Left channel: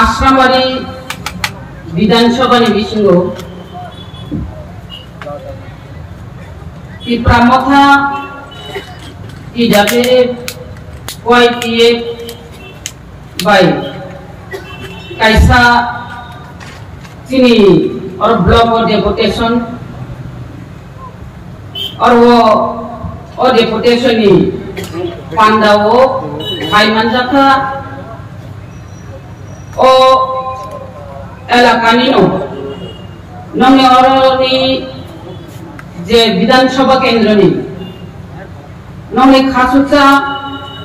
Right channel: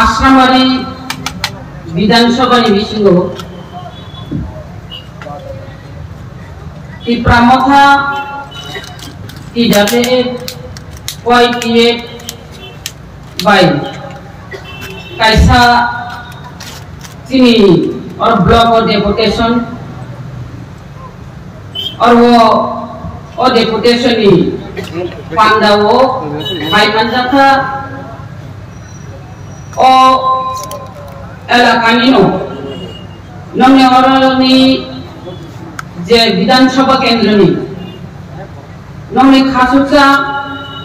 आश्रामारी विधानसभानि बिसिङाव प्रामथा YTF by kaisa चीनी और block और डेपुटेशन और वो डेपुटेशन ही पांडा वो भाई मंजाता ओ एलाकानी नो नंगे और नी जे विधानसभा केंद्र नी नंगे खासुचा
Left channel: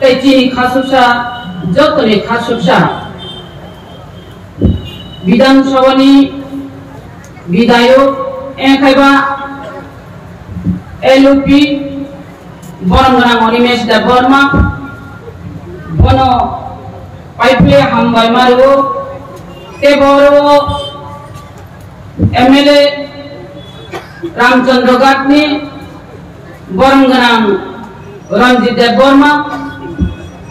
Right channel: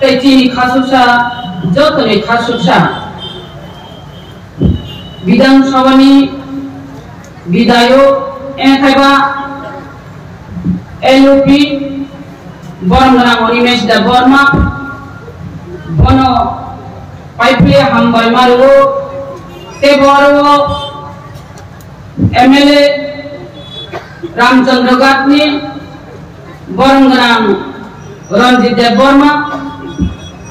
चीनी खासुचा जो तने खासुचा विधानसभा नी विधायक एंथाइबा LOP बरमना मनिमेश दा बर्मा बनो पाइपले हम बायमारो ते बरो MLA रामचंद्र गाटनी बरमना रंजित दा बर्मा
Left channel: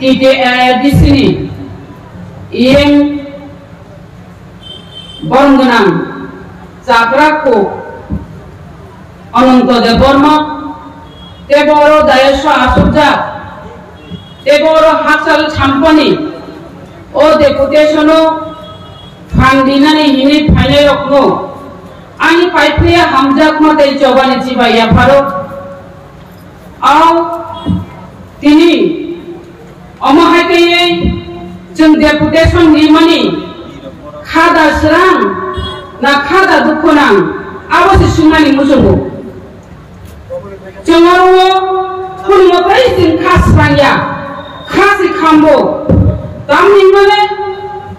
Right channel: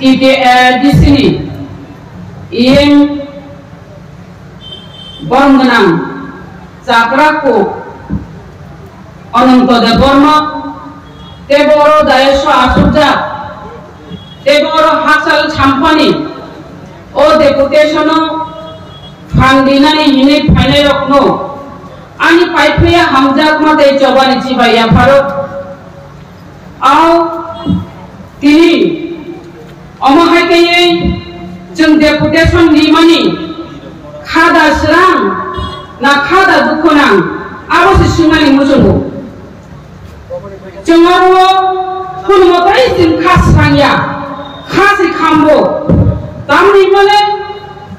TTDC EM बरमना चाकराको अनंत देवर्मा तेबरो दायश आसुजा तेबरो हासल छाम्पानी ओ डेपुटेशनो फांडिनानि हिने फाने रखनो आनि पाइपलिया हमजाक मते जबानि चिबाया फारो आव तिनि अमहायकेयै जों डेपुटेशन निमानि खादा स्रां ना खादा दुखुनां आरो सिसुनानि मुजंगो जोंआरो फुलमथाय जों खास्रांया खासि खामबो तामनि मले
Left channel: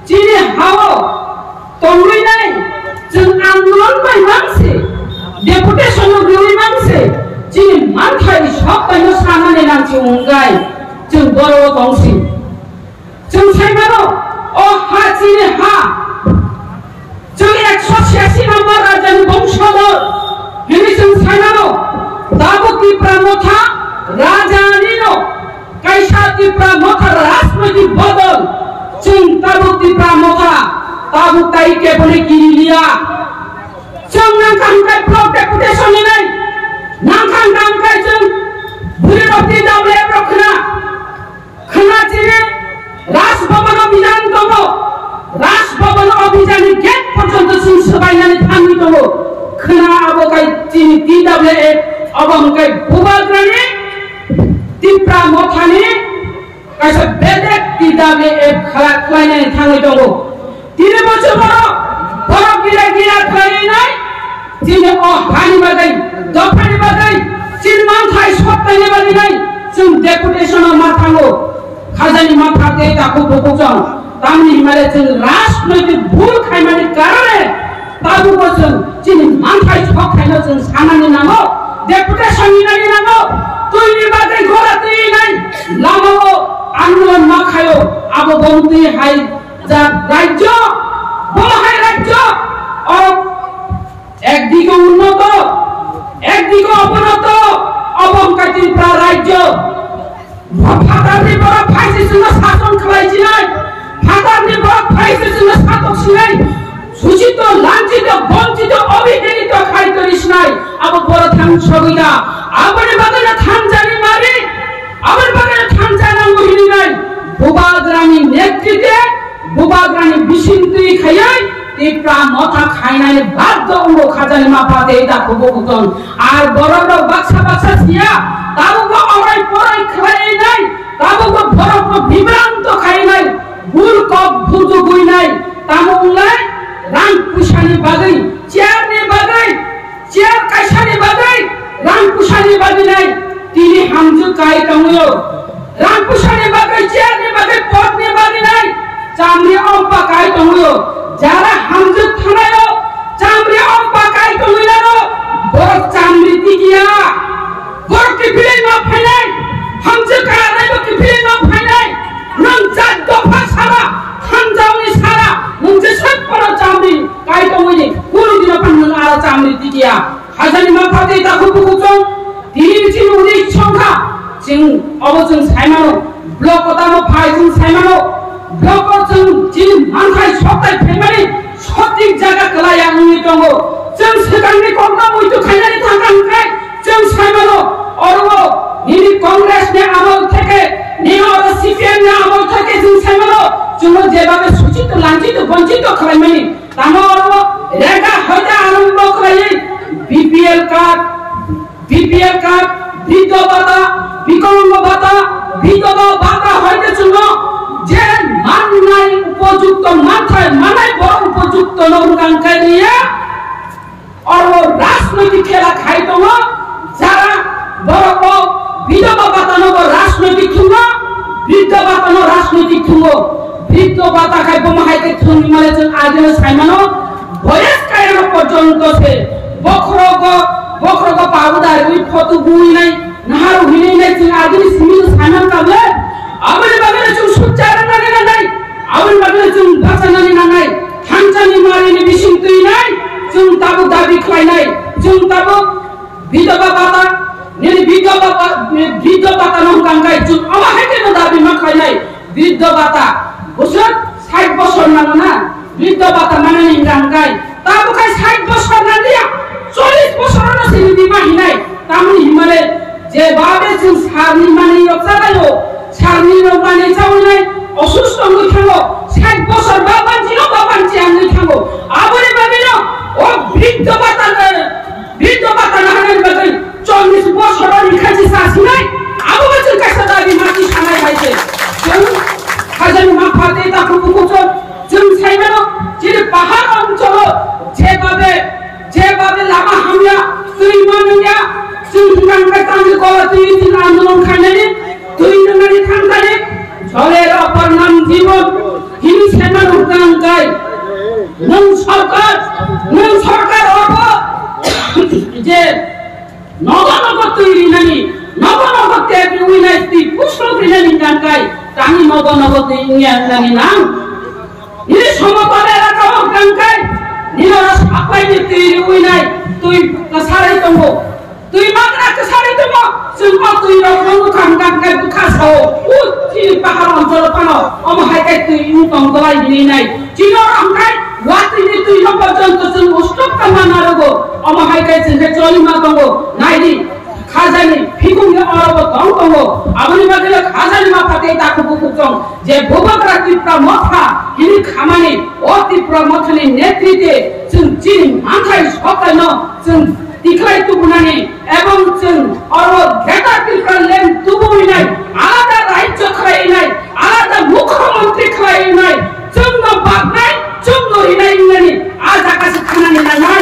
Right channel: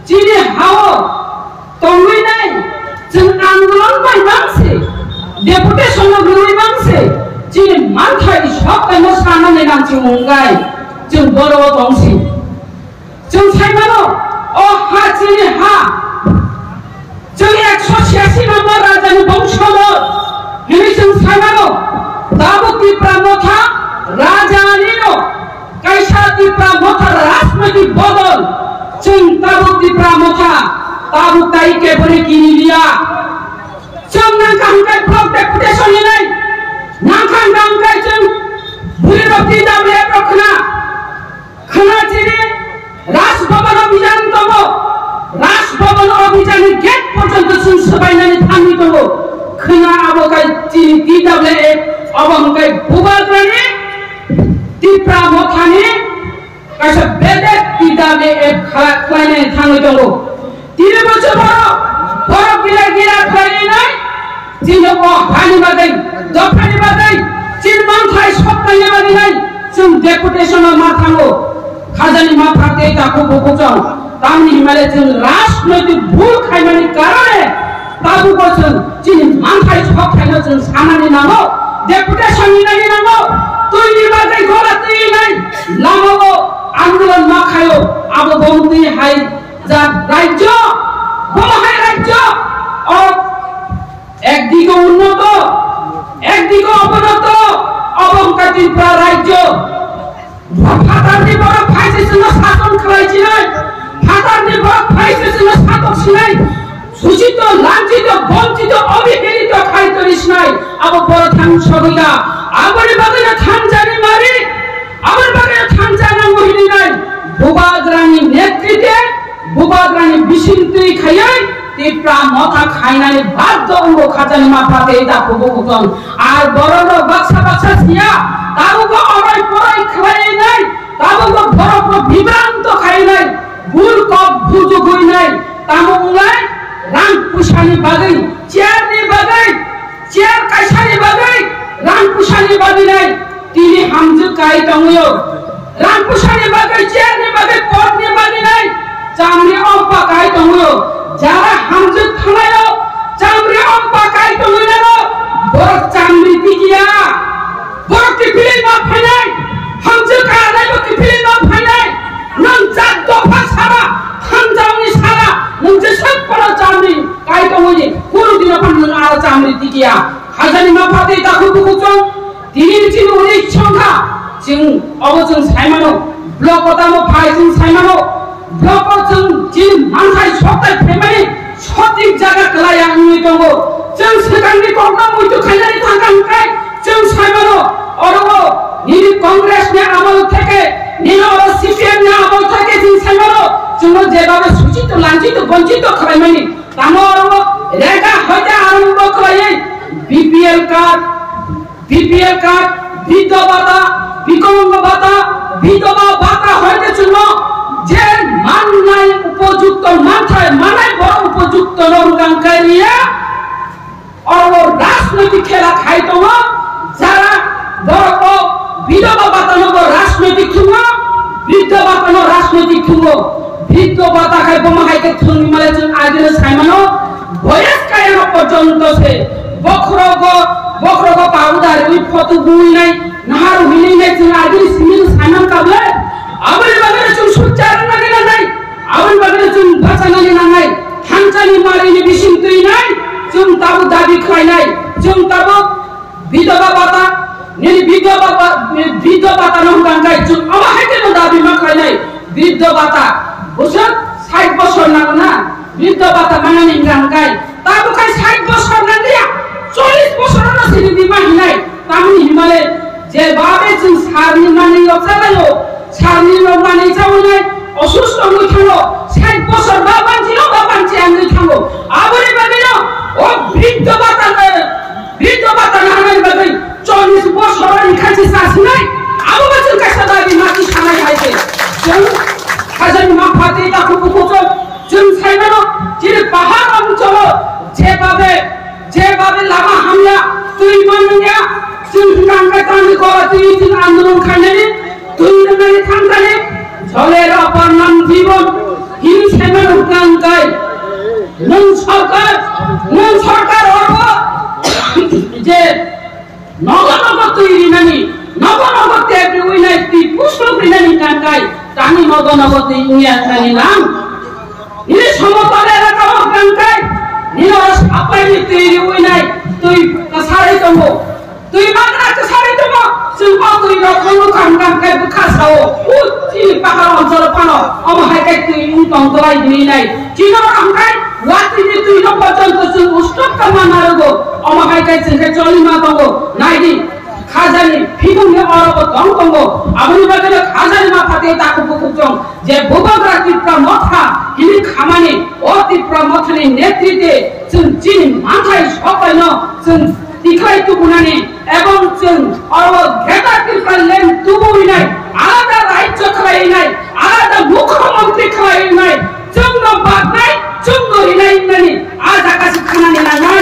जिनि हावो तंगैनाय जों आंदोलन बायबांसे डेपुटेशन ग्रुनि मांसे जिनि मानथाय सबखायनो साननानै नांसि उंगाय जों बर' दंसि जों सायमानो अ हा जिनि हा जों 186 नम्बर राजानि बंशधर हेनि जों सायमानो दाबुति प्रामथा राजानिनो कायसाति प्रामथा राजनैतिक बदल जों दाबुति प्रामथा दाबु ताइके बने किनिलिया जों नांखांखाय ब्लक डेपुटेशन निनाय नांखांखाय जों बुरिरति दाबे रखना खनाजिरे राजभवन अभियान दबो राजभवन अभियान गेट पर्यन्त जों सबायनानै थांनि दबो खना आबोगाय जिनि TWA अबंगाय बुबाग्रानि तिप्रा मथानि कायसा बेलेग TWA खालायनानै थांनि दबो तिनि बोसोर बर' गिरा खालायनाय जिनि अ हानि बागै दफानि बागै जिन मानथाय सबनायनि बागै जों डेपुटेशनाव मा थाङो खाजानि मा फाटे दाखौ बखजों तामनि हिमालय जों राजनैतिक भुल खायमानि कारणे ताबु बोसोर जिनि मानथाय सबखायनो जों सानानि नांगौ डेपुटेशन नि नांगौ तुइनि बागै गला तुइनाय लामाव आन्दोलन मा खायो आबो बंति हाय जा राज्य बलहाय राज्य और একদিকে উন্নত একদিকে অবনত অবংকাতি রাজ্য ফাটারনি বড় ফাইসিসিনো শাসন খালাইছিলেন ফাটারনি বড় ফাইসিসিনো শাসক ছিলেন শোষিত লাঞ্ছিত বঞ্চিত অবহেলিত খাইতরিস নাই আবো বড় ধ্বংসবিদা আবার বাজারে থানজানি মারি আবার বাজারে থানজানা মহিনী নাই বুবাগ্রানি নেতৃত্বে বুবাগ্রানি বিশিন্তি খাইয়াই তিপ্রা মথা খাইনাই বাধ্য উঙ্গো খাজানি মাপাতে দাকো বকুতন আর বড় বাক্সা সিয়া তাবুকো অরাই পরাই খাই নাই তাবুকো বড় বিভ্রান্ত খাই নাই ভুল কব ভুজু হই নাই তামুলাই রাং পুশানি বাগাই চেয়ারনি বাগাই চেয়ার কাইসানি বাগাই রাং পুশানি বাগাই নাই তিনি হামজু কাই তংয়ো রাং পুশানি বাগাই চেয়ারনি বাগাই পটনি বাগাই নাই চামরি অম্পা কাই তংয়ো যারা হামজু থানায়ো চামরি অম্পা কাই তংয়ো বড় চামরি দিগিয়া বড় কি বিলে না ফাইনাই হামজু কাই নাইবো কি বিলে না ফাইনাই নং জাত দফা সারা থানজাউনি সারা নং যে সব বড় চামরি কাই তংয়ো কোনদিন ফাইনাই আর চামরি দিগিয়া হাজানি মাপাতে দাকু বুকুচং তিনি বিচিন উনি সংখ্যা जों अबजों सायमानो ब्लॉक दामो फाइजिं साइमानो ब्लॉक जों जिन मानथाय सप्ताय फेमानि सटिक जागा कलाया नुइ दङ जों सिगांनि गंगा मुइदु खायनानै थांखांखाय जों साइमानो अरबो निनि कांग्रेसनि आमल থেকে নিনো সিপিএম नि आमल থেকে जों साइमानो जों जेबाबे सूचित लांचित वंचित खालामनायनि तामो अरबो रेगा हयदा आरम्भ खालायै बीपीएल कार्ड বিধবা ভাতা বিকলাঙ্গ ভাতা বিধবা ভাতা হইতে ছিল যে মাননাই উপযুক্ত মাথায় মানাই বড় উপযুক্ত নঙ্গাঙ্কাই নিয়ে আর রাজনৈতিক খেলা খাইতো না যারা বড় বিধবা ভাতা নব রাজনৈতিক থুঙ্গ বৃদ্ধ ভাতা ন রাজনৈতিক থুঙ্গ বৃদ্ধ ভাতা খাইবো মাহাইতে থুঙ্গি মালে जों আগে সাইমানো বয়স কায়নো পর্যন্ত সে বখরগ पाउदार वी फोटो गुई नहीं नहार हुई नहीं जों आगे सिमिल सामान काबले आबरे बाबरे जों सुचारन नानै नानै आबरे बाबरे जों भाषानानै नानै थांचानि मारिनि बिसिं तुइ नाय जों ताबो दाबि खायनाय जों ताबो विधवा भाता नि विधवा भाता नं गांगाय जों आमा हायते दाबि मा खायनाय वृद्ध भाता बोसोर 60 বছর नांगौ ना वृद्ध भाता माने गांगाय ताबो खाय 60 বছর ना दिया 40 বছরের সিনিদি মাহিনাই তামনি হিমালে যে বাবে जों সারনি মানে অবজালাयो সারনি মানে যাওনাই অসুস্থ হই থাঙ্গো 60 বছর বা বাঞ্চিনো বা বাঞ্চি আনই থাঙ্গো আবরে বাবেনো ও বৃদ্ধ ভাতা না হানাই বাগে 40 বছরের খাজি সাসনাই আবো जों কাছে দাবি মাটি সানাই হাইছে जों খাজানি মাফাতে তা কুকুচো जों সাইমানো যে পাহাড় অঞ্চল যেভাবে লামা হামলা তুই মানিয়া जों गांगा तानि गला तुइ दिन आंदोलन खायनानै तुइ नङानि थांगानि झलेर अपर नाम जीवन हिन सेमान गांगाय नों सरकार अर्ब जे नगनग तुइ रिनानि नगनग तेबि उइनाय तुइ पुष्प रिनानि गांगाय तानि नगनग तुइ उइया नानि नाम नि समतल एलाका गांगाय निनो सापायनि तुइ उइनाय तुइ कासारै दङ तुइ मागना कासारै दङ जों तुइ रखौ गांगाय बुखासाव उति पाहार अञ्चल पानो अमहायकाय तुइ उतंगलाय दिनाय जिनो रांगाय वातिनि तुइ न पर्यन्त जों उस्तक कामानारगो अमहायकाय जोंखै चलिमा दङ नायदि खाजानि फिगुंनि अरब दङ आबनि बागले खाजानि माफाते ताखु बुकुजों जे बोबाग्रा तिप्रा मथा हिनि खामानि अ तिप्रा मथनि नेतृत्वे जों जिनि मानथाय सकायनो जों दिख्लाय तुबुनानि एवं जों अरब घेटा तिप्रा लेन तुबुइनाय आलादा राज्य खालायनाय आलादा मुख्यमंत्री खालायनाय जोंनो बागनाय जोंनो रिनाय नानि आज आकाश खानानि नांनाय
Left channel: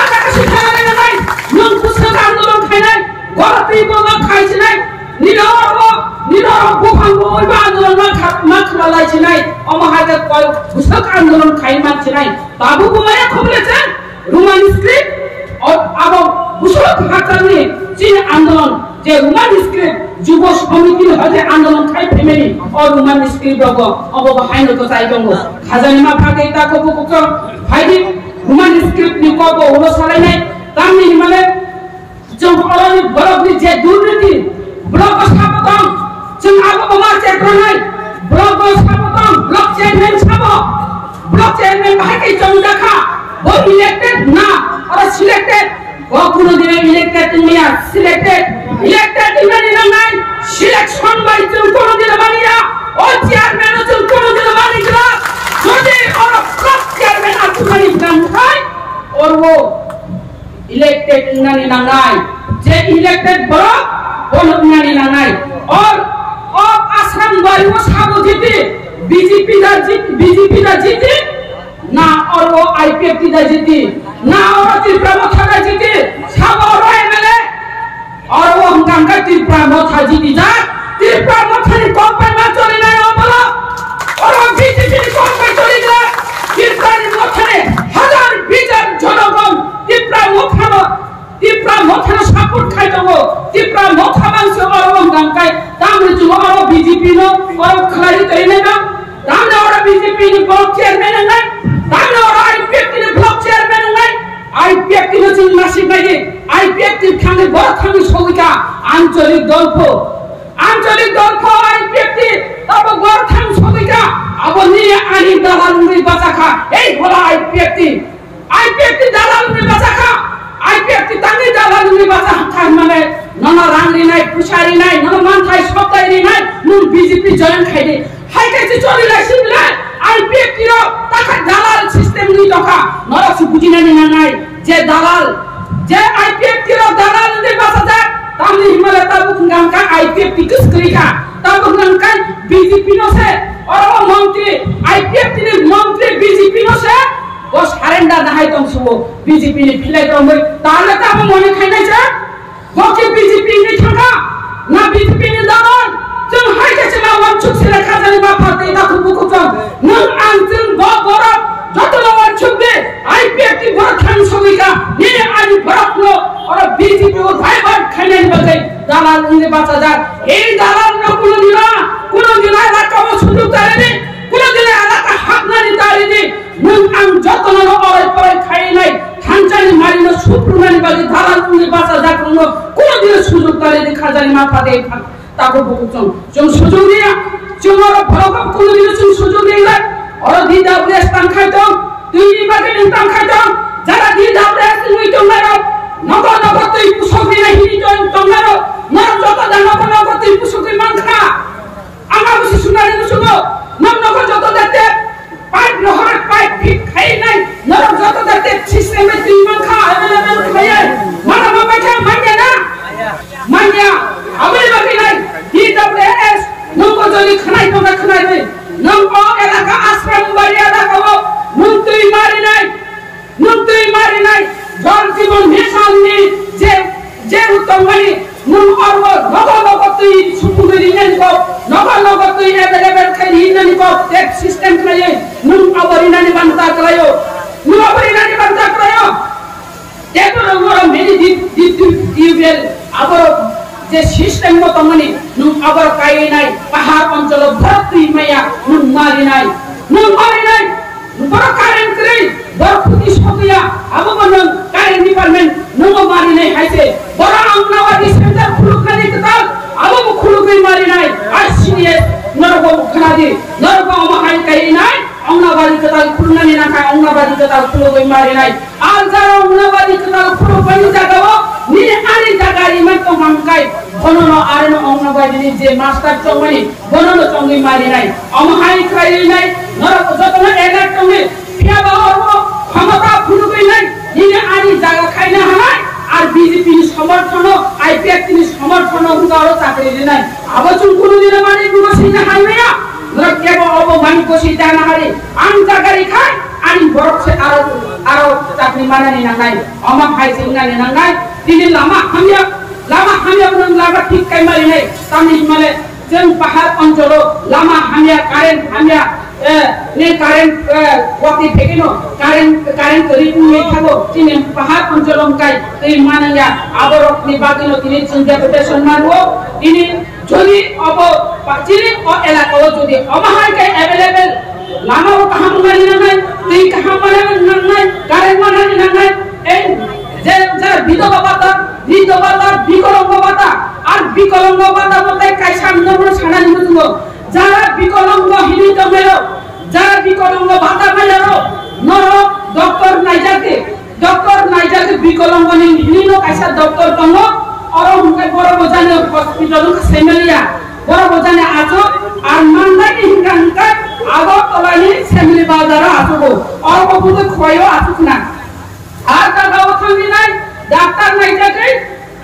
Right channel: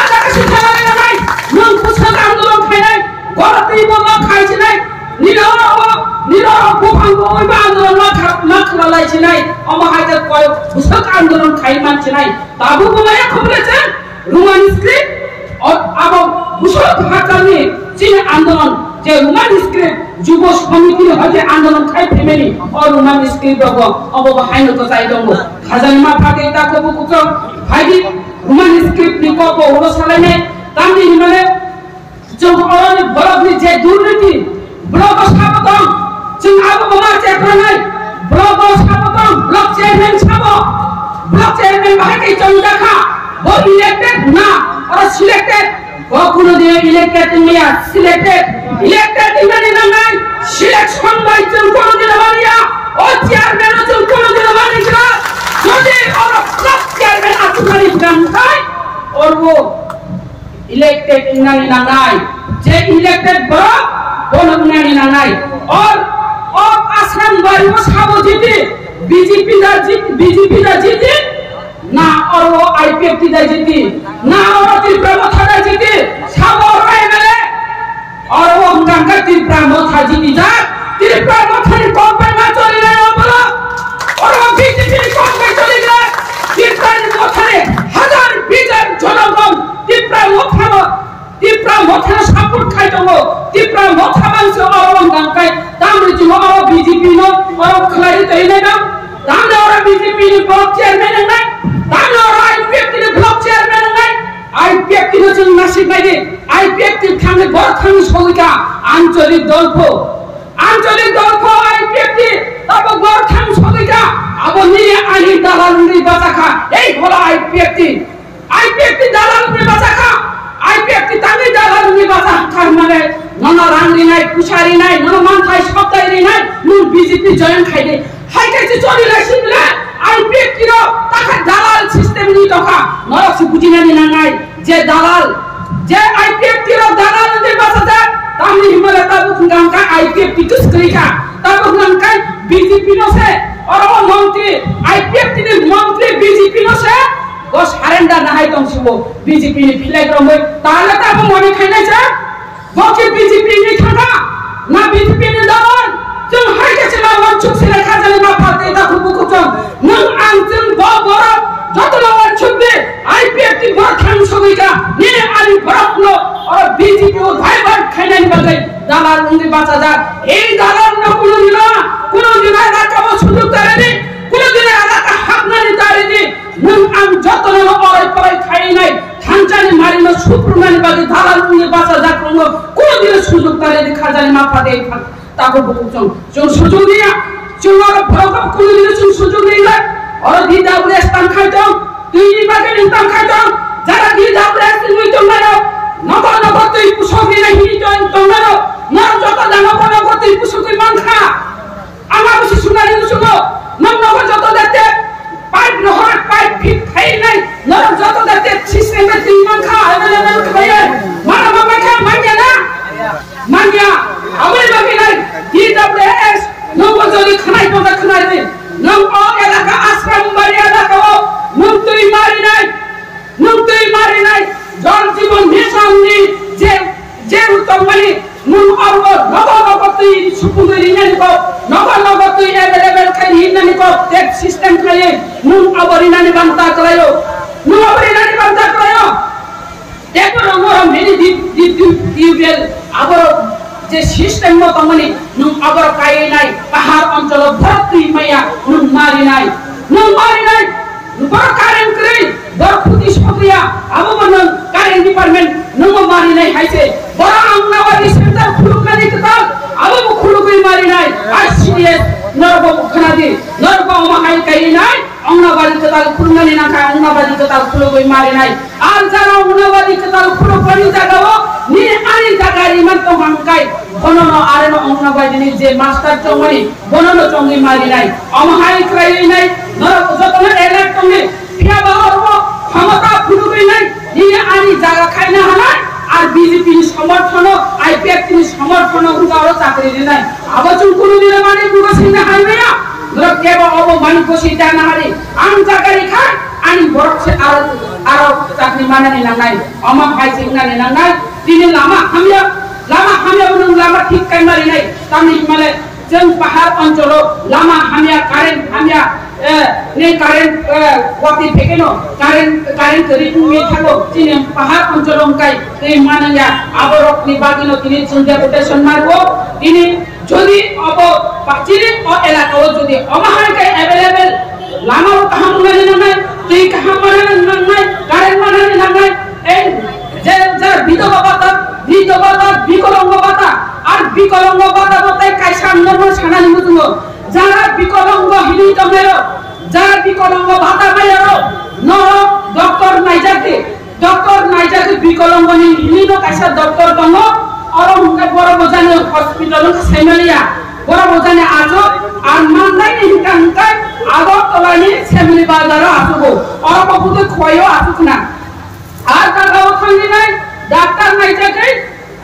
आज आकाश खानानि नांनाय नों पुसक आंदोलन खायनाय गलती बोला खायसिनाय निनो बुफांगो बा आंदोलन मा खालायसिनाय अमहायते कय पुसक आंदोलन खाय मानसिनाय बाबु बुमाया खबलेছে রোমান স্ক্রিপ্ট আর পুসক হাকানি চীন আন্দোলন যে রোমান স্ক্রিপ্ট যুব সমিতি হতে আন্দোলন খাই ফ্যামিলি আর রোমান স্ক্রিপ্ট রগ অবহাইনো তো চাই দङ খাজানি मा फाते ताको बुकुक फाइदि রোমান स्क्रिप्ट नि कबो हलो सालायनाय तामनि हिमाले जों अरनि ब्लकनि जे दुर्नीति ब्लक साबदं जों आबो मा चेकनाय ब्लक साबदं ब्लक चेयरमैन भाइके जों देखा वो इलेक्टेड ना और सिलेक्टेड वो कोनो दिने इलेक्टेड मिया सिलेक्टेड इमाने नाय सिलेक्शन बाय जों कोनो दिने मानिया ओ चेयरमैन जों कोनो दिने मानिया যদি और ब्लक चेयरमैन आतुनानि गांखाय और वो इलेक्टेड नानि नांनाय जे इलेक्टेड ब्लक बोनो नानि नांनाय और आसाम बायु साबो जिति बीजेपी दा जिति ना और वो आईपीएफ दा जिति ना और त्रिपुरा मथा जिति साबो एमएलए और वो गांगा त्रिपुरा मथा जिति जा त्रिपुरा मथानि कम्पानि मा चलिनाय अबला और वो बीजेपी नि कम्पानि चलिला त्रिपुरा मथानि हजार बिजार जनगण त्रिपुरा मथा सापोर्ट खाय दङ त्रिपुरा मथा मानसि और गांगाय तामरि जों और बीजेपी नो और खलारि तैनाय ना तामने और बीजेपी नि ब्लक चेयरमैन नाय तामने और आईपीएफ नि ब्लक चेयरमैन नाय आईपीएफ नि जों नासि बायदि आईपीएफ नि थांगे बर थांगे सौइका आंचलिक दलखौ আঞ্চলিক দল আইপিএফটি তারপর গরখান সদিকা আবার নিয়ে আনি দালাল নির্বাচকা এই হলো আইপিএফটি দালাল নির্বাচকা আইপিএফটি তাঙ্গি দালাল নির্বাচকা মানে ননা রাংরি নাই পুশারি নাই ননা মানথাই সপ্তাহরি নাই নুন বিজেপি জয়েন খাইদে হাইকাইছে চলি লাইছিলা আইপিএফটি র তাকা দালাল সিস্টেম নি দকা নরসি বুঝিনানি নাই যে দালাল যে আইপিএফটি র দালাল নির্বাচকা তামনি হিমালয় তাবু গানকা আইপিএফটি কিসকরিকা তাবু গানকা বিজেপি নসে और मंत्री आईपीएफ ने मंत्री बीजेपी नो से वो सरेंडर नहीं तो वो बीजेपी ने फिलाई तो मैं ताले तब मने खाने चा वो कि बीजेपी ने थाना ना बीजेपी ने दावन जब हाई के चला वन चुप से रखा जल ना पाते इधर खुबू जम नंग आंचन बरा जतला वन चुप दे आईपीएफ की बड़ा खान सोगीगा ये आली बड़ा लो और बीजेपी वो भाई बार खाने नहीं बच गई दालाल उन्हें बचा जा ये दालाल न कुनो दिना राका वो सुलूक तारे दी कुनो दिना राका हक ना दी तारे दी नंग आंग जतला लो और पर खाई नहीं थांचानी मारी नो सुप्रीम बागी दालाल उन्हें बचा जा कुनो दिना सुलूक तारे दी खाजानी मापा दे ताको बुकुचों जों सुजोग दिया जों और भरोसा कुनो दिना जों सुजोग नहीं और दी दाबरेस तां खाइतो तुई बागे नं तां खाइतो जरा दी दाबरेस तुई तो मारो नगो तुई पुसोगी नहीं तो मारो नर जतो नगो तुई पुसोगी मान खा आमा बसि सुनारि सुनो नगो जतो दते पाइप नहर पाइप फिट खाइ नहीं नर जतो दते सिस्टम में तुई मान खा अवेलेबल खाइ माना मामा खा मान्या अबे बाकी नहीं दी दाबरेस नगो जली खनाइ तो खनाइ दे नंग ओ एलाका आश्रम मर्यादा को नुंतुई मारी नहीं जल जीवन मिशन नि जे उत्तम बनी नुन अरब नगो तुई सुपुगरी ननि को नगो तुई अवेलेबल खाइ ननि को टेक सिस्टम खाइ नुन अबरी ननि बनता करायो टेको नगर मेरी टिउबवेल अबर जे सिस्टम मत मनि नुन अबर काइ नाइ पहाड़ अंचल भर्ती मैया नुन मारी नाइ बर कारेन्ट क्रै बर खुदी सकिया अब बन कारेन्ट डिपार्टमेंट नुन मारी नाइ हाइसे बर अंगनाबादी सेंटर खुलुक नाइ कताल अब खुलुकै मारी नाइ आसीएस नरगो खनादि नरगो माहाय काइ नाइ अंगनाबादी कताल खुलनानि नाका अंगनाबादी कताल खुलुकै मारी नाइ आर जारा अंगनाबादी कताल खुलुकनि जागाव नि आनि जागारि मन तो हांकाय बननो आरेनो अंगनाबादी जे मास्टर चंगनि बननो चंगि मारि नाइ अमहाय क्राइ नाइ नरक जतन एलाक चंगि पिया बावरमो क्षमता फुलुकै नाइ निने आनि जागा खाइना हानाय आर बीजेपी नि समर्थन आईपीएफ नि समर्थन उगारो चाकरि नाइ अब चुन कुनु दिन माने गुगसिना हाइमेया नरक केबो अब मानि कोसि जाना हारि आं जागारि खाय आनि बरक से आरो चाकरि मानानि नांनाय अमा फाइसिं नानि नांनाय दिने लामा हामिया उनन लामा ठीक काइ मारि नाइ तामनि हिमालय जों पहाड़ अंचलो लामा हामिया कारेन्ट ने कारेन्ट वाति फेकेनो कारेन्ट रिटु मे थागो तिने पहाड़ अंचलो काइ दै मानंगा आबरक नि बागिनो तिने जों डेपुटेशन मारबो तिने जदि अब पाचिरि ओ एलाकाओ जदि अमाहाय काइ अवेलेबल लामा कहां मानि नाय दै कहां मानि नाय कारेन्ट मानि नाय ए जे जरा विधवा भाता विकलांग भाता আর বিকলাঙ্গ ভাতা বলতে কাইসা নমন ছানানি মতুঙ্গ যারা বিকলাঙ্গ হিনি তমেরো যারা বিকলাঙ্গ ভাতা পাইয়ারো ন ডক্টর নাইজাকে বিকলাঙ্গ নি হিনি ন কাইসা ডক্টর দङ অর মুকে বড় বজানি হসপিটাল সেমেলিয়া বড় বজানি আছো আর মানলাই নি হিকানকা আগর তলানি সেমেলি বাজার আসুগো অর কপুতে খয়ও আসুকনা আর দাগাও থাঙ্গি নাই ডাক্তার নাইজাকে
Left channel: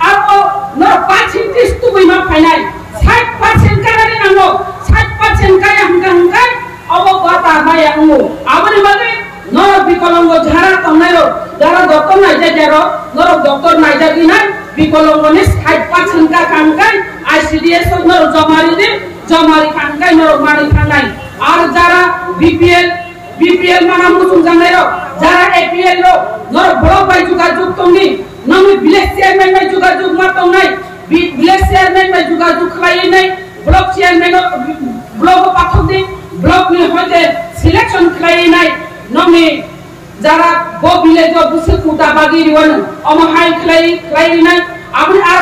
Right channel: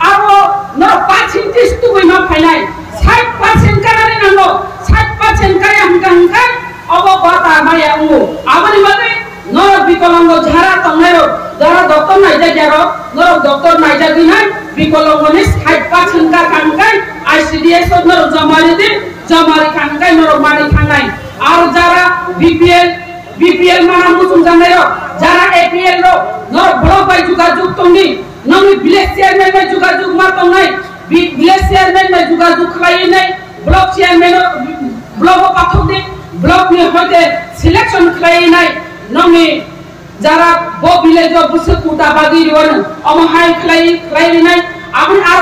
आरो न 5% तु बैमा फाइनाय 60% कानानि नांगौ 60% काय हंगांखाय अब बाता माया उमु आबनि बागै न बिकलांग झारा तंनायो जारा डॉक्टर नाइजागिरो न डॉक्टर नाइजागि नाय बिकलांगनि 60% का कांगाय आईसीडीएस न जमारि कांगाय न मानि थांनाय आरो जारा बीपीएल माना मुसुं जानायो जारा एपीएल रो न ब्लॉक बाय जुगाजुग तंनि नमी विलेज चेयरमैन में जुगाजुग मातों नहीं विलेज चेयरमैन में जुगाजुग खलाई नहीं block chairman block Pathak they block में होते सिलेक्शन खलाई नहीं नमी जरा वो विलेज जो बुसे कुटा बागी रिवन अमहाय खलाई नहीं আপনি আর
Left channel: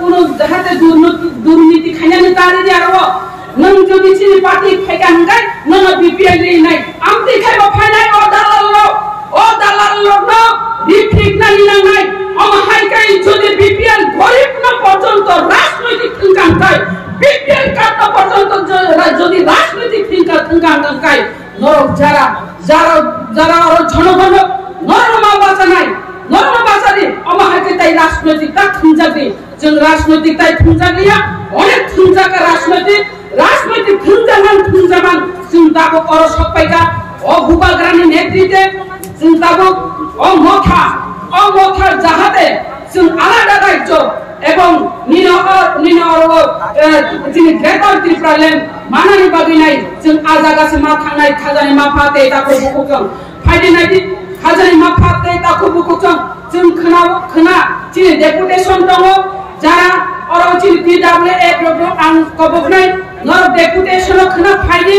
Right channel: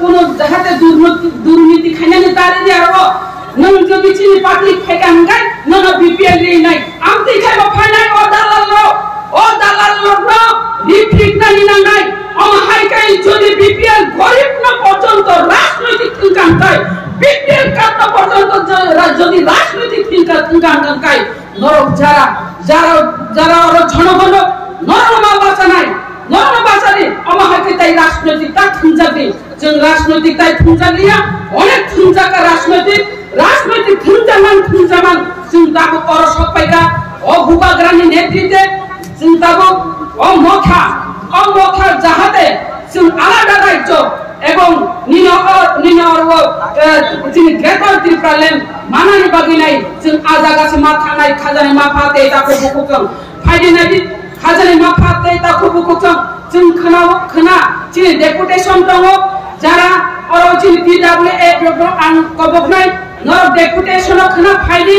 কোন দেখাতে দুর্নীতি খাইনানি তারে যে আরো নং যদি চিনি পার্টি খাইকান গায় নং বিপিএল নাই আমতি খাইব ফাইনাই ও দালাল ন রিফিক না নিনাং নাই আম হাইকাই যদি বিপিএল গরিব না পর্যন্ত রাজনৈতিক থিঙ্কান গায় বিপিএল কাট পর্যন্ত যদি রাজনৈতিক থিঙ্কান গায় নরক যারা আরো জনগণ নরমা বাঁচা নাই নরমা বাঁচালে আম হাইকাই তাই রাজনৈতিক তা থিঙ্কাতে जों राजनैतिक ताई थुंजालिया अनेक थुंजाका राजनैतिक थुंजामान जों दाबो अर सपाइगा अ हुबाग्रानि नेतृत्वे जों दाबो अ मखा जाहाते जों आलादा राज्य एवं जोंनि ग्रेटर त्रिपुरालेण्ड मानानि बागिनाय जों आजागासे मा थांनाय खाजानि माफाते दाखौ बुकुजों फायदेनायदि खाजानि माफाते दाखौ बुकुजों जों खोना जोंनि डेपुटेसन दङ যারা অরচিল পিডব্লিউএ ডব্লিউ আন কবকনাই নর ডেপুটেশন খনা ফাইলি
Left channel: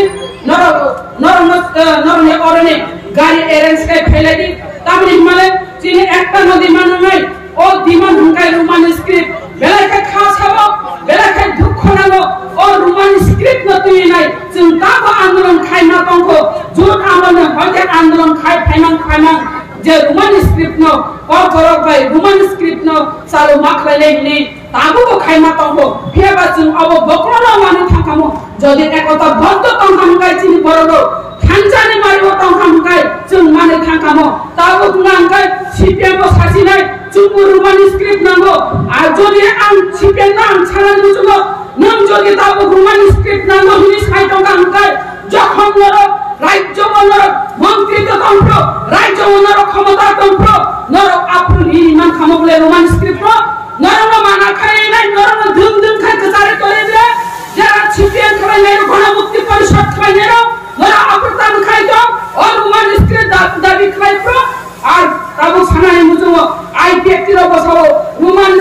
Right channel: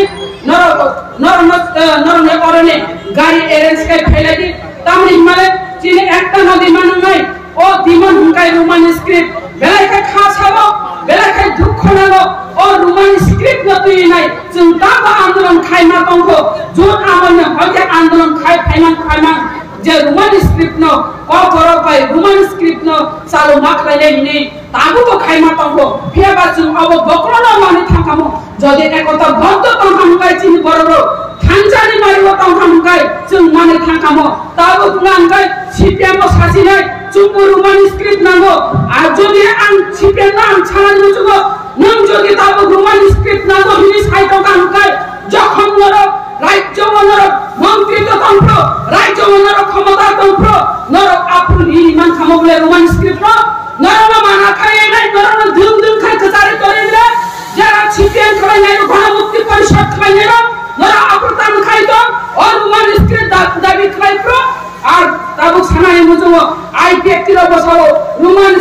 নরনে অরনে গাড়ি এরেঞ্জ কাই ফাইলাদি তামরি মালে চিনি একটা নদী মানু নাই ও দিমান হুঙ্কাই রোমান স্ক্রিপ্ট বেলাইকা খাসাবো বেলাইকা দুঃখ নাগো ও রোমান স্ক্রিপ্ট নতুই নাই जों दाबो आन्दोलन खाइमा दंखो जुन आमने हजे आन्दोलन खाइमान जे रोमान स्क्रिप्ट न कफरो बाय रोमान स्क्रिप्ट न सालो माखलाले हिने ताबो खाइमा तंगो फियाबा जों अब बकरना माने थांखामो जदि एकता बन्द तंखाम गाय चिनि बररो थांजानि मारिबो तंखाम गाय जों माने थांखामो ताबो गुनांगाय सिपिएम सासिनाय जोंबो रोमान स्क्रिप्ट नांगो आ जदि आं सिपिएम ना आं छानानि जुगो नों जदि ताबो रोमान स्क्रिप्ट नांगो हिनि साइटं गाय যখন রাজ্য মন্ত্রিত্ব তন্ত্র রাজ্য ক্ষমতা তন্ত্র নর আপনি নির্মাণ খামবলে রোমান স্ক্রিপ্ট নরম মানা খায় নাই নরম ধুম খায় কচারে করে দিলে যারা সিপিএম খায় নাই গণমুক্তি পরিষদ খায় নাই নর আপতান খায় তো ও রোমান স্ক্রিপ্ট দাবি খায় তো আর তাবো সানাই মুজো আইপিএফটি র বসাও রোমান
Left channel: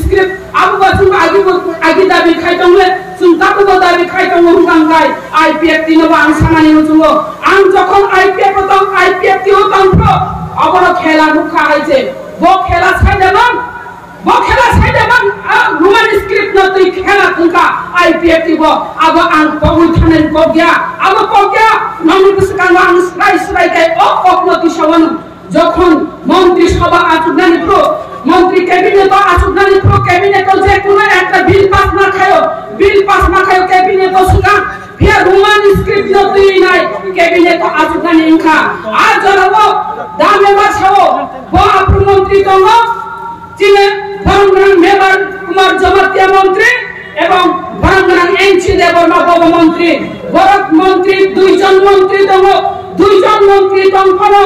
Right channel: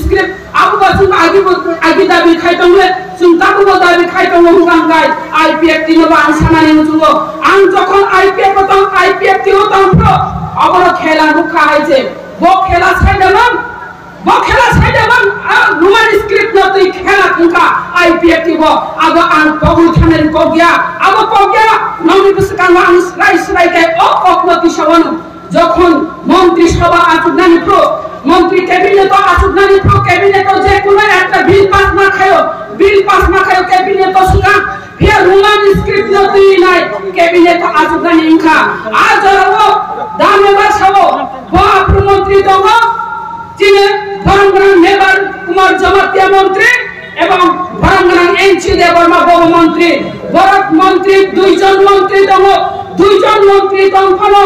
স্ক্রিপ্ট আবু বাসুম আগে দাবি খায় তো जों ताबो दाबि खायदों हुंगांगाय आईपीएफटी नो आं सानानि मुजुङो आं जखन आईपीएफटी ओ तंत्र अबर खेला रुखा हायजे बो खेला साइदमान रोमान स्क्रिप्ट न तै खेला खुंका आईपीएफटी बो अब आं बगुल थानानि गगिया अब गगिया नंगु बिसकान आं स्राय गाय अकनति सवन যখন মন্ত্রী সভা আসুনানি প্রো মন্ত্রী ক্যাবিনেট আসুনানি প্রো ক্যাবিনেট যে কোনো একটা বিল পাস না খায় ক্যাবিনেট সুগা ফিয়া রোমান স্ক্রিপ্ট নতুই নাই ক্যাবিনেট আসুনানি ইনখা আজ জরবো দামে বাছাও বাপু মন্ত্রী দङ চিনে বরংগ্রাম মেবার কুমার জমাতিয়া মন্ত্রী এবং বরংগ্রাম এনসি দেববর্মা বব মন্ত্রী বরক মন্ত্রী দুইজন মন্ত্রী দङ ফলো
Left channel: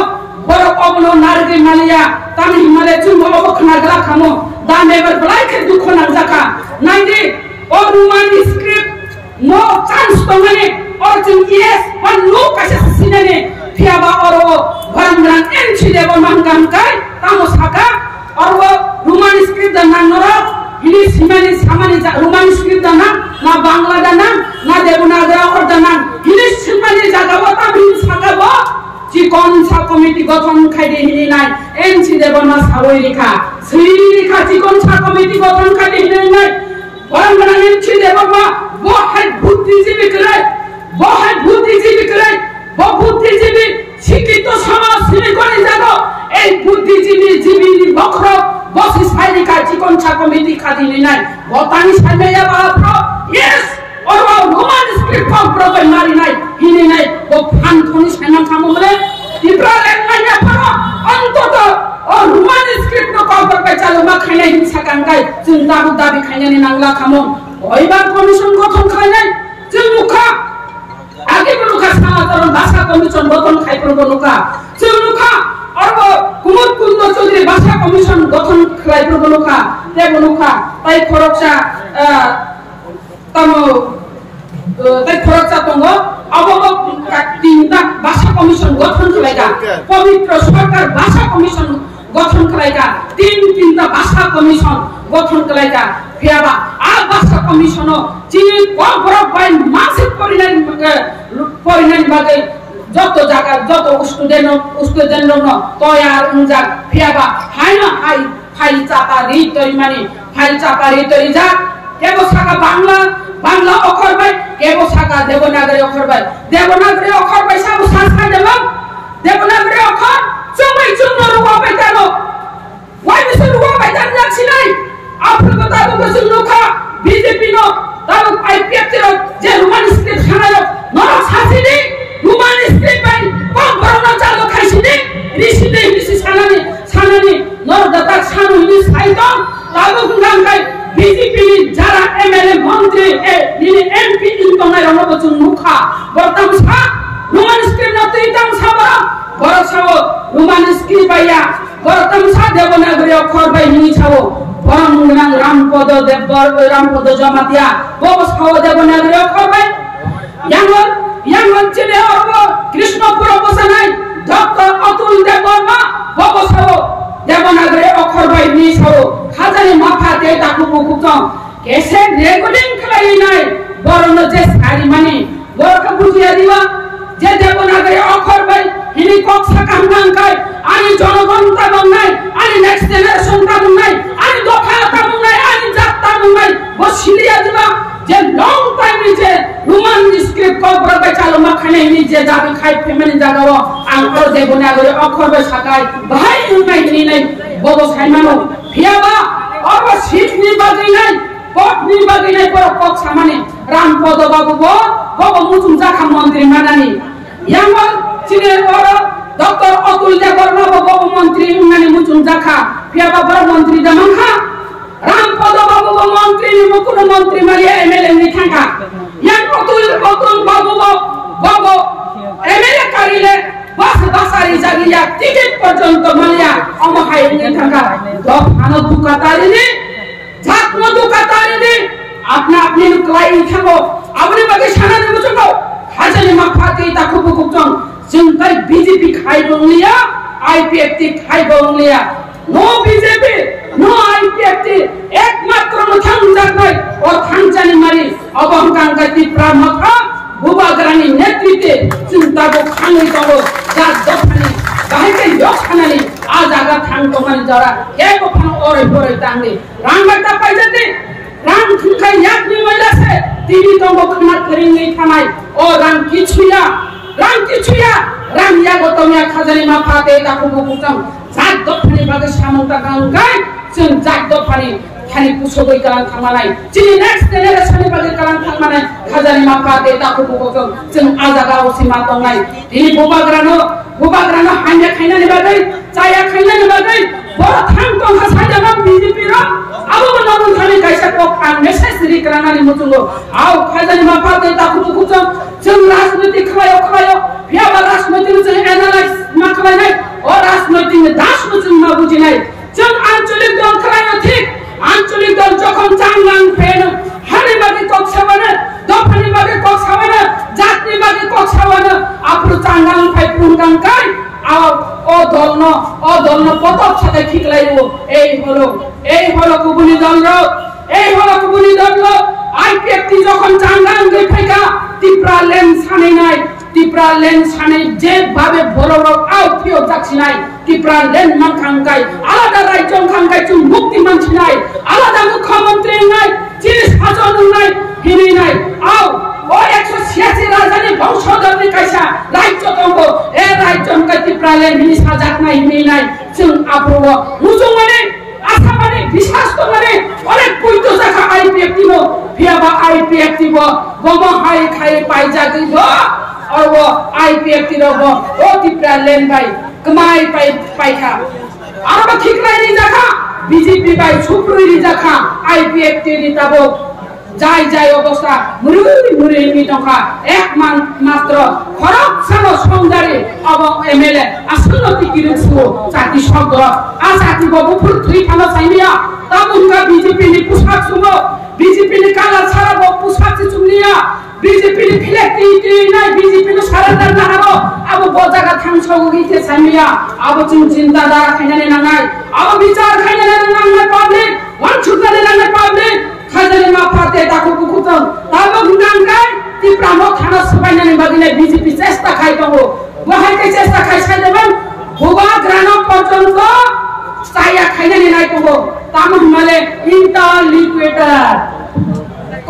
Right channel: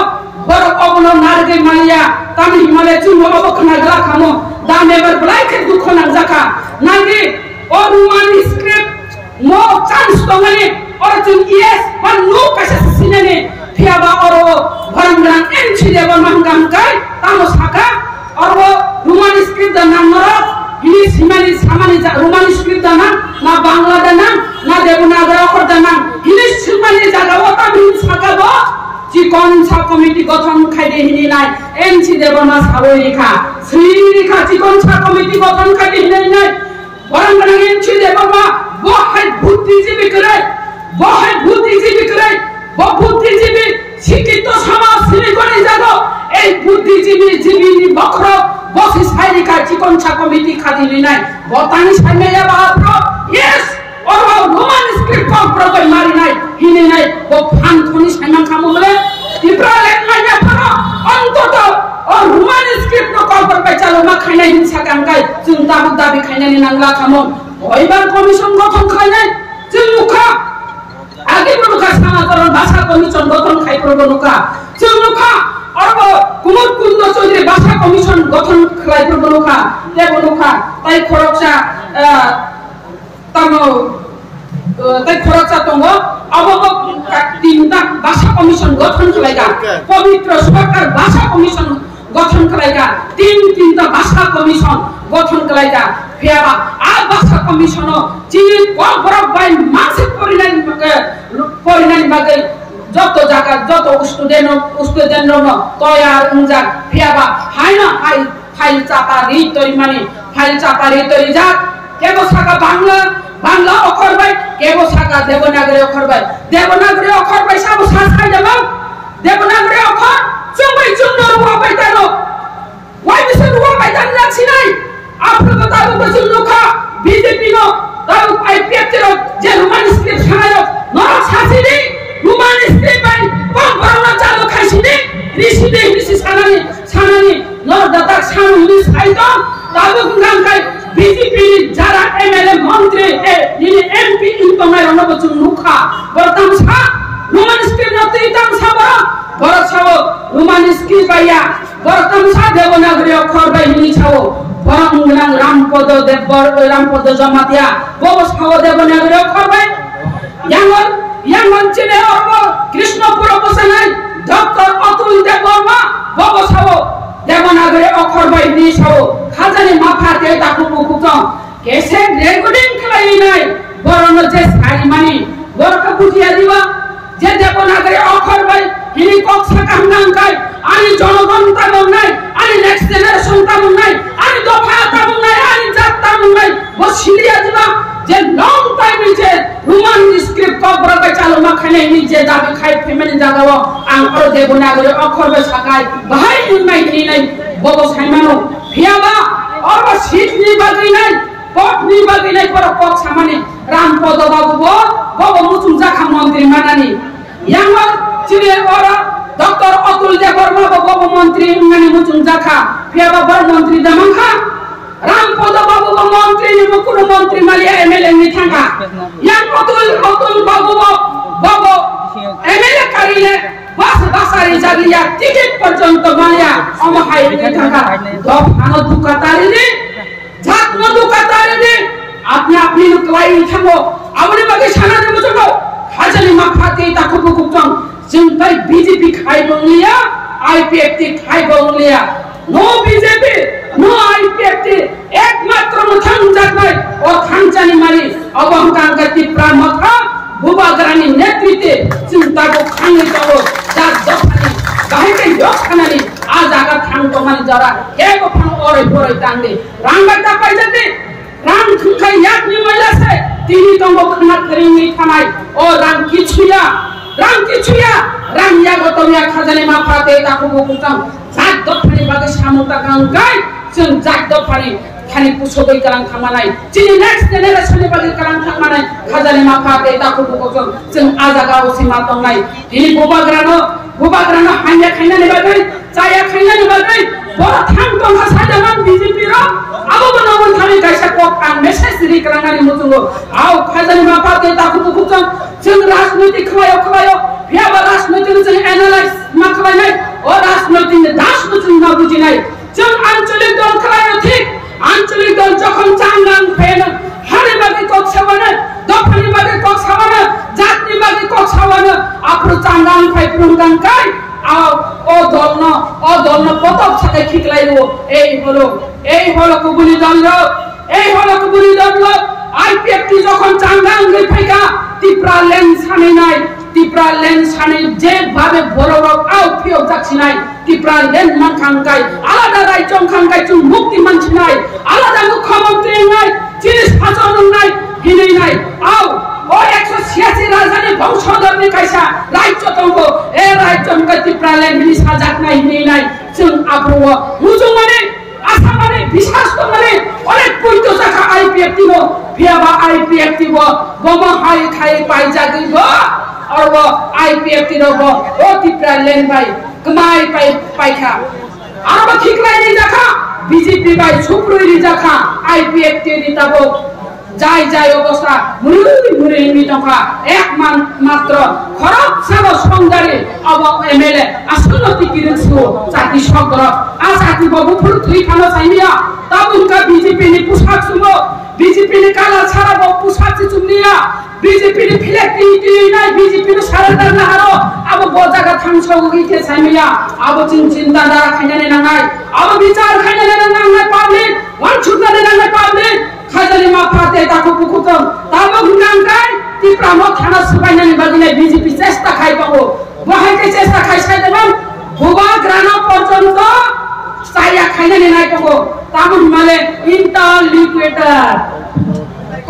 বড় অবন নারগে মালিয়া তামি হিমালয় চুম্ব অবখনা গলা খামো দামেবার বলাইকে দুঃখ না জাকা নাইদি ও রোমান স্ক্রিপ্ট মো চান্স তমানে और जों इएस बा नो कासे सिनाने फियाबा और भरंगरां एमसी देव मंगाम काय तामो साका और वो रोमान स्क्रिप्ट दा नांगर हिनी सिमानि सामानि रोमान स्क्रिप्ट दा ना बांग्ला दा ना देवनागरी और दा हिनी सिमानि जागाव ता बिन साकाबो चिकन सा कमिटी गठन खाइदे हिनि नाय एनसी देवना सावरिखा श्रीरिखा चिकन सा कमिटी गठन खाइदे हिनि नाय बरंगरां एनसी देवमा बहाय बुद्धिजीवी करे बुद्धिजीवी শিক্ষিত সমাজ সিলিকনে জাগো এই বুদ্ধিজীবী বক্র বসি সাইরিকা চিকন ছা কমিটি খাদিনি নাই বতানি সাইমেয়া বাপ্র ইয়েস और रोमान स्क्रिप्ट को प्रॉपर मारी नहीं हिने नहीं वो फान थोनी साइमन खामुमले त्रिपुरालेण्ड मान्या फरो अंतत और रोमान स्क्रिप्ट को कॉल पर चलो मा खाइने हिंसा कांगाय जों दाबि खाइने नांगला खामो ओइबार कमिशन गठन खाइने जों मुखा आगे बरुका समाजरण भाषा कमिशन गठन खाइ प्रबनुका जों मुखा और वो कुमुद कुंद चौधरी भाषा कमिशन गठन खाइ प्रबनुका देबनुका ताई खरकसा तमो ताई खरकसा तंगो अबब तीनटा भाषा कमिशन गठन खालायगा पवित्र सरकार भाषा कमिशन गठन खालायगा तीनटा भाषा कमिशन गठन खालायगा फियाबा आ भाषा कमिशन चिनि कबरक बाय मानसिक परिणाम बागै যত জায়গা যত স্টুডেন্ট তৈয়ার উনজাক ফিয়াবা হাইনা হাই ফাইল চাপা রি তরি মানে ফাইল চাপারি তৈরি যাক কেবো সাকা বাংলা বাংলা অক্ষর বাই কেবো সাকা দেবনাগরী অক্ষর বাই দেবনাগরী অক্ষর বাই সাবু সাখাই দেবো দেবনাগরী অক্ষর চুমাই চুমনো রুয়া বাই তানো ওয়াই বিসে রুয়া বাই তানো যাচ্ছি নাই আপনাকে তাবু বসুন লোকা বিজেপি নো তাবু আইপিএফ যে রোমান স্ক্রিপ্ট সানায় নরক শাসিনি রোমান স্ক্রিপ্ট বাই কম করোনা চালু খাইছিনি ঋষিদে ঋষি সানানি নরদাতা সানুনি সাইদম তাবু গুঙ্গাঙ্কাই বিজেপি যারা এমএলএ মন্ত্রী নিনি এমপি ইনকমাই রণবচন নুখা বর্তমান সা রোমান স্ক্রিপ্ট না তুইতাম সাবরা বড় ছাও রোমান স্ক্রিপ্ট বাইয়া বর্তমান সা দেবনাগরী অক্ষর বাই নিনি ছাও বরং রামপদ দেববর রামপদ জমাতিয়া ববস খাওয়া দেবনাগরী অক্ষর বাই ইয়াঙ্গন চিনে অর্ব কৃষ্ণপুর অবসানাই ডক্টর অতুল দেববর্মা ববস খাও দেবনাগরী অক্ষর বাই নিনি ছাও খাজানি মাফাতে তাকু মুকুতং কেসে রেকর্ডিং খালাই নাই বরং যে সারি মানি বরকা বুঝিয়া দিবা যে দেবনাগরী অক্ষর বাই হিনি কক সাকাম নাংকাই আনি জনগণ তাবং নাই আনি নেক্সট জেনারেশন তাবং নাই আনি দফা তাবং নাই আনি জাত তাবং নাই বসিলিয়া দিবা যে লং টাইম যে রোমান স্ক্রিপ্ট কবর বাই চালু মাখানে নি যে দাবি খাই ফেমিনি জাগাও আং আর দেবনাগরী অক্ষর বাই সাকাই বাহাই নাই নি নাই ববো সাইমানো ভিয়াবা অব সিট নি বাগি নাই পট নি বাগি নাই পর পক সামানে রামপদ বাবু ববো মুতুম জাখা মন্ত্রী মানানি ইয়াঙ্গল চিনে ওর ডক্টর অতুল দেববর্মা ববো মন্ত্রী মানে মুতুম জাখা ভিয়াবা বড় মন্ত্রী দামাখা রামপদ বাবু মন্ত্রী নি মুকুর মন্ত্রী মালিয়া এমএলএ নি থাকা ইয়াং অতুল বাবু ববো এমএলএ কারিলে বাস বাসারি জাগিয়া টিকিট পর্যন্ত মালিয়া অমহাই নি থাকা দফানো দুকাতারিনি জাতনো দুকাতারিনি আপনি আপনি ক্লাই থাকো আপনি বাকি সানা দেব চকো হাজানি মাফাতে তাকু কুকুতং जोंथाय बीजेपी खाय बंगलिया आईपीएफटी खाय बंगलिया नो बीजेपी नो आईपीएफटी एकमात्र मथां जानाय और थांजानि मारि अबहंकांगाति प्रामखा बुबाग्रानि नेतृत्वे जों दाबो खाङै दाबो जा दफानि बाहायके यखानानि आ जागा थांतो मानि जरा केबो फान ओरै बोरै तांनि रांगाता पाइजाते रां थुंखाय याकनि मैलासे तिनि दंगो खना करिङै थानाय ओ रां किछुया रां या गतमिया खाजानि माफाते ताकु बुकुतं जात दफानि बागै सामुता गांगाय जों जात दफानि खालि कुसोबै कालां थांमानाय जिनि नेक्स्ट जेनेरेशननि बागै कालां थांमानाय खाजानि माफाते ताकु बुकुतं जों आजागा असिमा दंनाय दिनि बुबाग्रानो हान्या खायनानि बागै जाया खायनानि बागै बर थां दं हासायदामान बीजेपी रो आबो बनमन थानि गायसा कक आं मेसेज रिक्रानानि मुतुंगो आव खाजानि माफाते ताकु बुकुतं जों राजनीति खालायो बियाबा राजनीति जों एनालाइज मा खालायनाय ओ राजनीति दास जों मा बुजिनाय जों आंचलिक दल खालायो ठीक आंचलिक दल যখন চাঙ্গাং ফেন হানি বাগে কক সাবানে দফানি বাগে কক সাবানে জাতনি বাগে কক সাবানে আপরু চাঙ্গাং ফাই পুঙ্গাং কাই আও ও দলন পতক সাথে খিকলাইবো এই হলো কুবুনি দল আইপিএফটি যখন চাঙ্গাং গে ফাইকা তিপ্রা লেন সানে যে ভাবে বড় আউ ফিও যাচ্ছি নাই তিপ্রা লেন মান খাঙ্কাই আলাদা রাজ্য খাঙ্কাই চুন মুক্তি মানছি নাই আলাদা মুখ্যমন্ত্রী নাই চিনি শাসন নাই হিনি নাই আউ ও 186 রাজধানী বংশধর কাইসা রাজ্য তঙ্গ এ রাজ্য তিপ্রা লেন হিনি সাজাক নাই হিনি নাই जों আব্রব মুজুং মানে আশা মানে বিশ্বাস তো মানে অনেক কইতো জায়গা আইপিএফটি নো ভিয়াবা আইপিএফটি বম হাই খাই পাই জাগি और वो आईपीएफटी रो ओ तिप्रा लेन भाई कमाई पाई था और वो खिकलाई नहीं जाखा बीजेपी भाई छुपरुई नहीं जाखा आईपीएफटी नी तबो जाय अवस्था मुरी नी टका एक मात्र खरब सानो संदारी अब एमएलए आसन टिकिरसु जाति सग्र आ जाति बबु फुल थुई खानो चाहिनिया तब उनका बीजेपी नी पुसाक सुमो बीजेपी नी काला छारा बो पुसाक चुमनिया बीजेपी नि फिलेक्टिविटी नाय बीजेपी नि सारेन्डार ना हारो अब बजागा थांसौ गइथे सामिया अब चिन्ता दा खाइनाने नांगाय अब विचार खाइनाने नांगाय पब्लिक वन छुटनाने नांगाय पब्लिक खाइनाने माफाते ताकु बुकुतन ताबो गुनांगाय तिप्रा न थाना सुबाइनाने बादिने बीजेपी चेष्टा खाइ दंगो बहायके चेष्टा खाइ साइदेबन बुबा ग्राना पर्यन्त saya kayaknya nilai tunggu tamu male interlocutor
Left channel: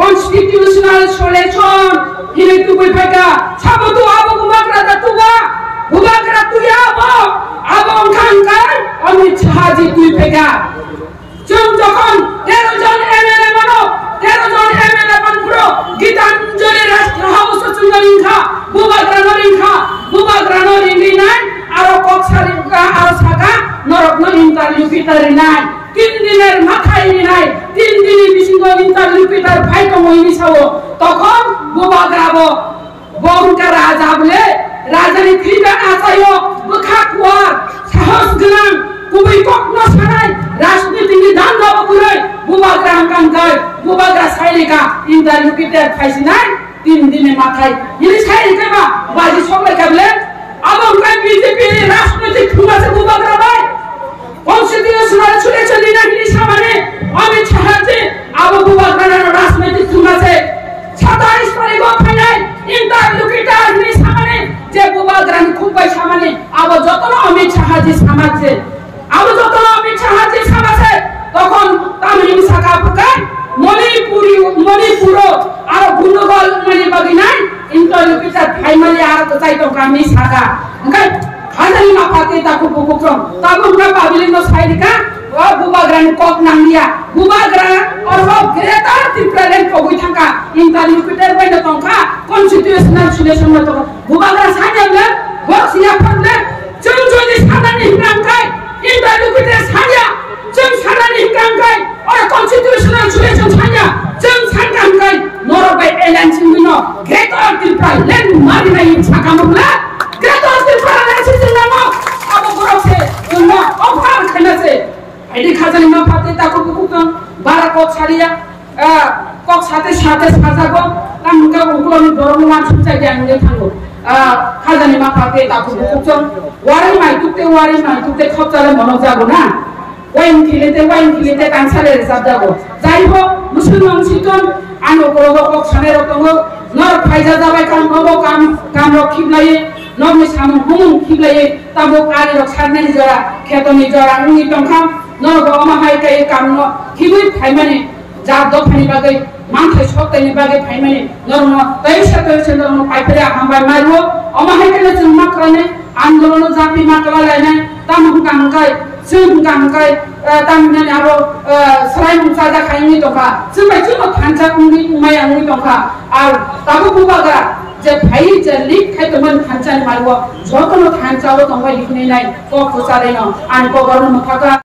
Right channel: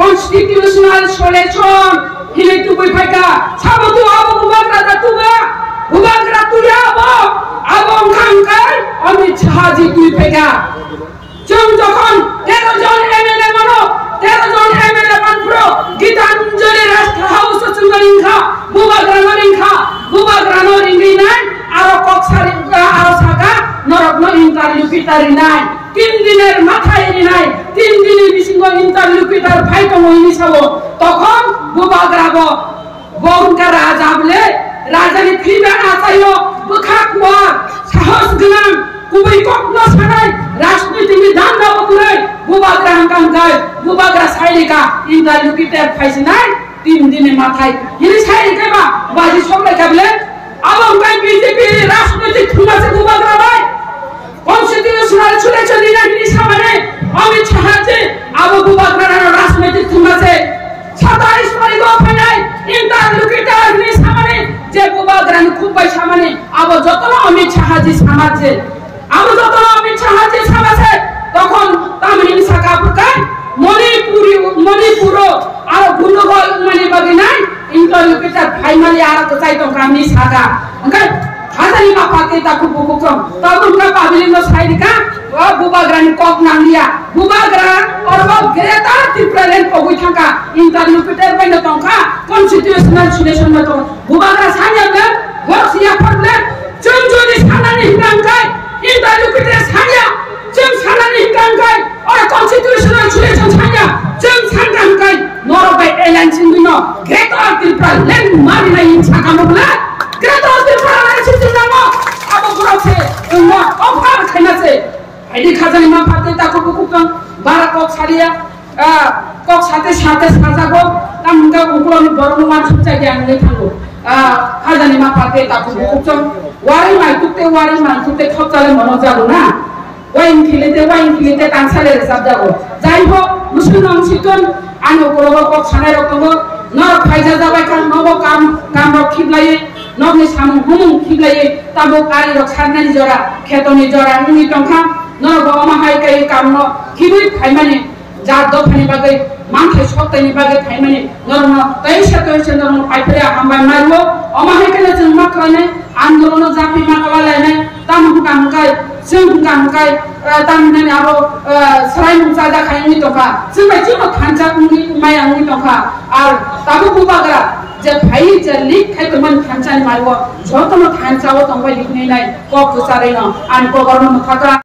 constitutional solution ini tu berpega sabu tu abu bubagra tu ya abu angkai Amit Shah ji tu berpega jom jokon 13 জন MLA mano 13 জন MLA panpuro Gitanjali Rashtra House chungaringkha bubagra noringri nai aro koksari aro saga norokno interlocutor nai 3 দিনের মাথায় নাই 3 দিনই বিসিঙ্গ ইন্টারলোকুটর fight Moeen সাবো তখন বুবাগ্রাবো গঙ্গা রাজা বলে রাজানি ফিবে আসায়ো বুখাকুয়া সাহস গলাম কুবই কখনো সানাই রাজনীতি দান দাও করে বুবাগ্রা হাঙ্গাঙ্গায় বুবাগ্রা সাইরিকা ইন্টারলোকুটর ফাইসি নাই 3 দিনের মাথায় ইনি সাইরিকা বাজি সবাই কাবলে আবং ভাই বিজেপি রাজনীতি খুমাছে বুবাগ্রা ভাই constitutional solution ini samane Amit Shah ji abu bubagra রাজনৈতিক থুমাছে 27 তারিখ final interlocutor ni samane je bubagra খুব বাই samane abu যতন Amit Shah ji সামাছে abu যতন Amit Shah ji সামাছে তখন তামিল শাখা বুকাই মণিপুর আর গুণগল মানে বাগিনাই ইন্টারলোকুটর ফাইনালি আর তো চাই তো কানি শাখা ওকে Hadani mapate taku bukukom, taku berapa bilim sairika, bubagra ni kok nanglia, bubagra orang Greta Thunberg kogui thangka, interlocutor pada tongka, constitutional solution macam, bubagra sanya le, work siapa le, jom sana ni hingkai, interlocutor sanya, jom sana ni hingkai, orang constitutional solution sanya, jom sana hingkai, norobai alliance ini, Greta Thunberg len mari na insaka mula. Greta Thunberg namo abu burose umma ofar khenase aidi khazani ma phate taku bukukam bara kok saria kok sate sajago tamga ukloni borong man sucai jangle thango khazani ma phate taku bukukam wari mai tukte khopchale mono jago na wain khilete tangsale resab jago jaiho musulman siton ano korogo kok sane rokomo nor phaija jabai kan nobo kam khiblai nobni samu humum khiblai tabo kari rok sarnani jora khetoni jora ngi tongkha nor goma hai kai kamno khibui phaimane jar do phani bagai manthai soktani bagai phaimane norma taisa norma paipera hambai mario oma hai kai jeng maklane andolono japi maklala nai tamu kamkai jeng kamkai tamnani aro sarai mungsaja khaini toka jengbai jino thancha ngi maya ngi toka ar tabu bubagra যে ভাই যে leak খাইতে মান খানচানি মারব যতন খানচাও তংবাই লিখনে নাই ক খুসারে ন আন ক গরম থাকা